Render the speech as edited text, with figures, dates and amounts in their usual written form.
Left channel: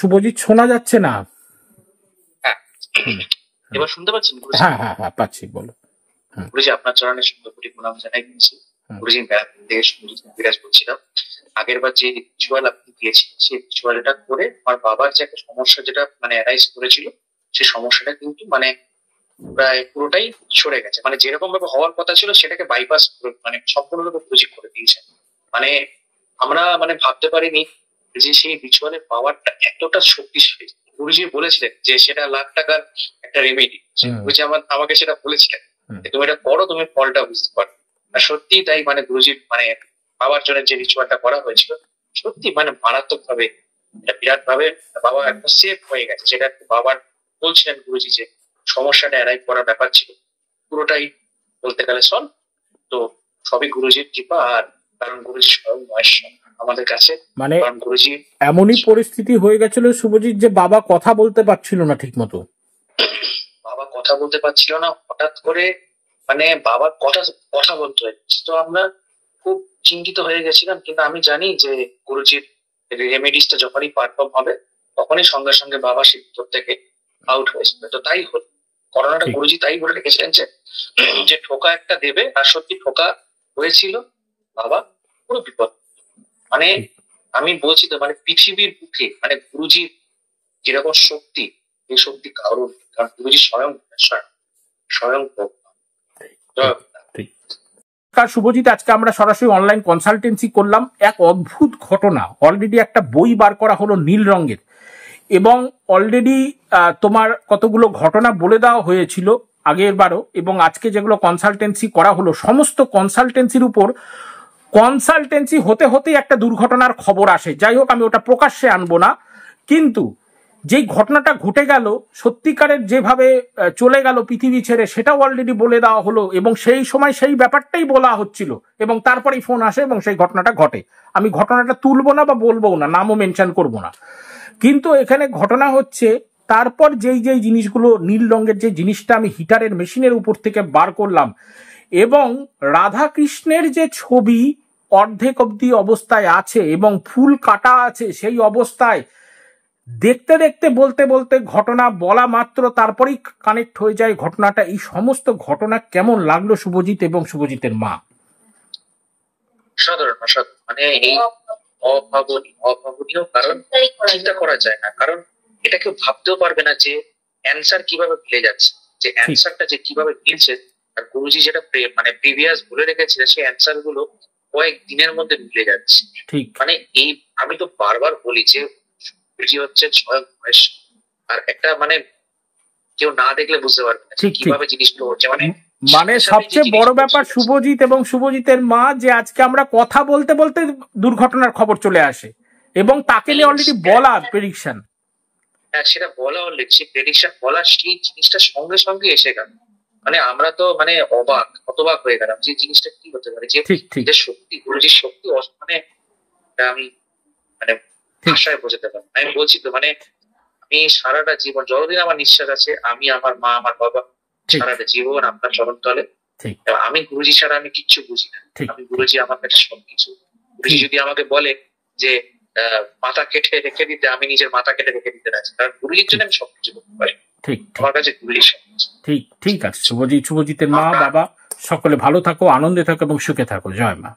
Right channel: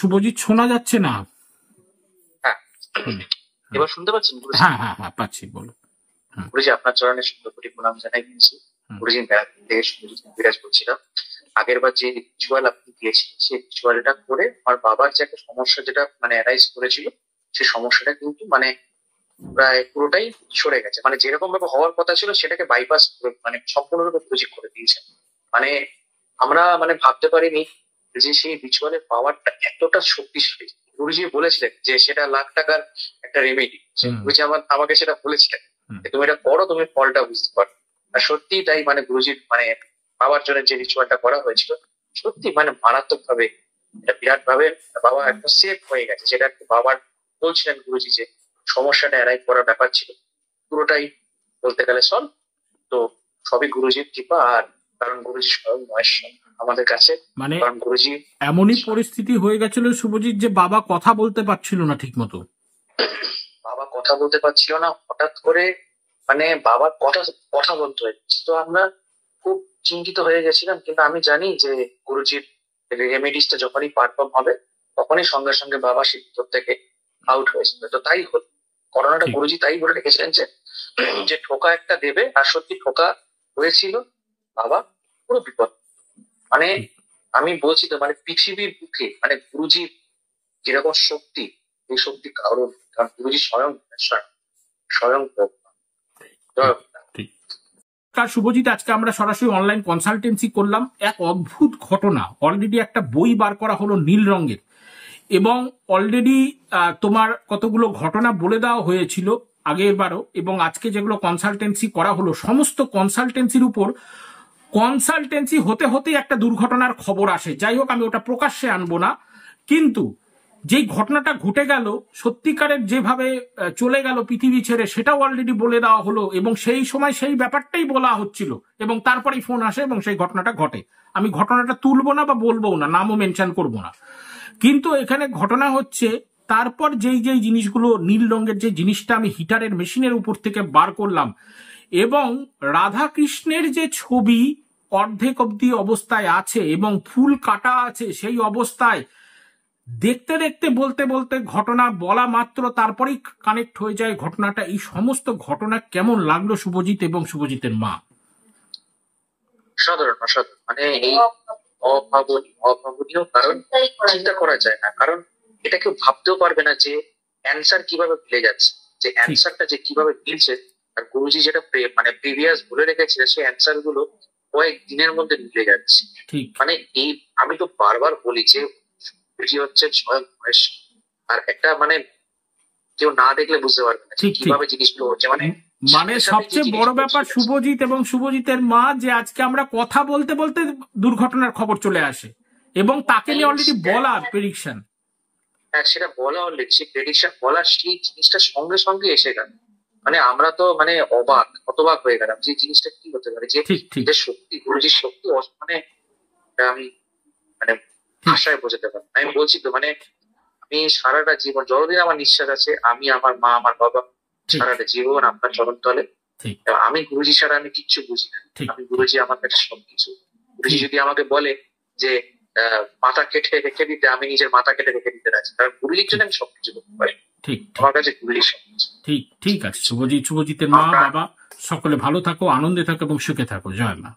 শুভজিৎ, শোনা যাচ্ছে না। হ্যাঁ, এবার শুনতে পাচ্ছেন? হ্যাঁ হ্যাঁ হ্যাঁ, পাচ্ছি, বলো। গুরুজি, আপনার চরণে সুন্দর কোটি প্রণাম জানাই দিচ্ছি। গুরুজি, থেকে শুভজিৎ বিরাজ করছিলাম। আগের বার যে রিচুয়াল আপনি দিয়েছিলেন, সেই রিচুয়ালটা করে আমার বাবার যে একটা সমস্যা যেটা মানে অ্যারাইজ করেছিল, সেই সমস্যাটা কিন্তু মানে প্রায় পুরোটাই সরে গেছে। মানে যেরকম ভাবে হওয়ার কথা ছিল সেটাকে বাইপাস করে মানে সম্পূর্ণরূপে গুরুজি করে দিয়েছে। মানে আমরা মানে ভাবতে পারিনি যে সেই রিচুয়ালের পাওয়ারটা এতটা শক্তিশালী। গুরুজি বলেছিলেন যে সেটা লাখ টাকার একটা রেমেডি। গুরুজি আমাকে সেটা বলেছিলেন, তুমি এটা করো, তুমি ফলটা বুঝতে পারো। আর সত্যি তাই, মানে গুরুজির মানে বাবার জন্য যে রিচুয়ালটা করা হয়েছিল, সত্যি মানে মারাত্মক ভাবে, এটা বিরাট ভাবে বাবা একটা সেফ হয়ে গেছে। সেটা বাবার বলছিলেন গুরুজি যে সমস্যাটা অ্যারাইভ করার ব্যাপার ছিল, পুরোটাই বলতে গেলে সলভ। তো সবই গুরুজির কৃপা। আর কারণ গুরুজি স্বয়ং মহেশ্বর আমাদের কাছে, মানে গুরুজি এমনই পরিস্থিতি হয়ে গেছিল শুভজিৎ যে বাবা কথা বলতে পারছিল না ঠিক মতো। বাবা কথা বলতে পারছিল না, হঠাৎ করে মানে বাবার কথা কথা বলতে হয়েছে। তো আমরা খুব চিন্তিত হয়ে গেছিলাম, কিন্তু আমি জানি যে গুরুজির রেমেডিসটা যখনই পারফর্ম হবে তখনই সঙ্গে সঙ্গে বাবা সেই ভিতর থেকে আউট হয়েছিল। তো তাই হল, করোনাটা গুরুজি তাই বলে রেখেছিলেন যে ঠোকা একটা দেবে, আর সত্যি ঠোকা হয়েছিল। বাবা পুরো বিপদ। মানে আমি বলছি তো, মানে পৃথিবীর বুকে মানে গুরুজির যেরকম শক্তি, এই শক্তি কারণ, কারণ গুরুজি স্বয়ং স্বয়ং শুভজিৎ, আজকে আমরা সরাসরি অনলাইন কনসালটেন্সি করলাম। এক অদ্ভুত ঘটনা, অলরেডি একটা বই বার করা হলো নীল রঙের, এবং অলরেডি তোমার কতগুলো ঘটনা বলে দেওয়া হয়েছিল আগের বারও, এবং আজকে যেগুলো কনসালটেন্সি করা হলো, সমস্ত কনসালটেন্সির উপর কনসালটেন্সি হতে হতেই একটা দুর্ঘটনার খবর আসে। যাই হোক, আমি ওটা প্রকাশ্যে আনবো না, কিন্তু যেই ঘটনাটা ঘটে গেল, সত্যিকারের যেভাবে চলে গেল পৃথিবী ছেড়ে, সেটাও অলরেডি বলে দেওয়া হলো, এবং সেই সময় সেই ব্যাপারটাই বলা হচ্ছিল, এবং তারপরেই ফোন আসে এবং সেই ঘটনাটা ঘটে। আমি ঘটনাটা তুলবো না বা বলবো না, নামও মেনশন করবো না, কিন্তু এখানে ঘটনা হচ্ছে তারপর যেই যেই জিনিসগুলো, নীল রঙের যে জিনিসটা আমি হিটারের মেশিনের উপর থেকে বার করলাম, এবং রাধা কৃষ্ণের যে ছবি অর্ধেক অব্দি অবস্থায় আছে এবং ফুল কাটা আছে সেই অবস্থায়, দেখতে দেখতে বলতে বলতে ঘটনা বলা মাত্র তারপরেই কানেক্ট হয়ে যায় ঘটনাটা। এই সমস্ত ঘটনা কেমন লাগলো শুভজিৎ এবং শুভজিতের মা? সাধারণ মানে এই অভাবনীয়, কারণ চিন্তা করা যায় না, কারণ এটা কেউ ভাবতেও পারবে না যে অ্যান্সার কিভাবে মিলে যাচ্ছে, যে অ্যান্সারটা যে কিভাবে মিলছে। আর গুরুজি যেটা মানে প্রিভিয়াস বলে রেখেছিলেন, সেই অ্যান্সার গুলো কয়েক দিনের মধ্যে মিলে যাচ্ছে। মানে এই আমি তো বারবার বলি যে গুরুজি হচ্ছে স্বয়ং মহেশ্বর। আর একটা মানে কেউ না দেখলে বুঝতে পারবে না কিভাবে জিনিসগুলো হচ্ছে। মানে সবচেয়ে বড় ব্যাপার শুভজিৎ এবং শুভজিতের মা, যে আজকে আমরা কথা বলতে বলতে দুর্ঘটনার খবর চলে আসে, এবং তাকে নিয়ে অলরেডি বলা প্রেডিকশন। হ্যাঁ, সেটা বলা অলরেডি, সেই প্রেডিকশন বলার সেই জিনিসটা সঙ্গে সঙ্গে এসে গেল। মানে আমরা তো মানে হতবাক হয়ে গেলাম যে জিনিসটা কি হতে পারে, যে শক্তি, গুরুজির শক্তি, মানে আমি মানে ভাষায় বোঝাতে পারি। আমি বলছি তো, মানে আমি সারাটা জীবন, যতদিন আমার নিঃশ্বাস আছে, আমি, আমার মা, আমার বাবা, সারাটা জীবন আপনার চরণ তলে। আমি গুরুজি ছাড়া আমি কিচ্ছু বুঝি না। আমি গুরুজি আমার কাছে সবকিছু। গুরুজি যদি আমাকে বলে যে মাথা কেটে রেখে দিতে, আমি নিজের মাথা কেটে রেখে দিতে রাজি, কারণ গুরুজির জন্য আমি সবকিছু করতে পারি। আমার কাছে গুরুজি সবকিছু। ঠিক আছে শুভজিতের মা, বাবা সকলে ভালো থাকো, আনন্দে থাকো এবং সুখে থাকো। জয় মা।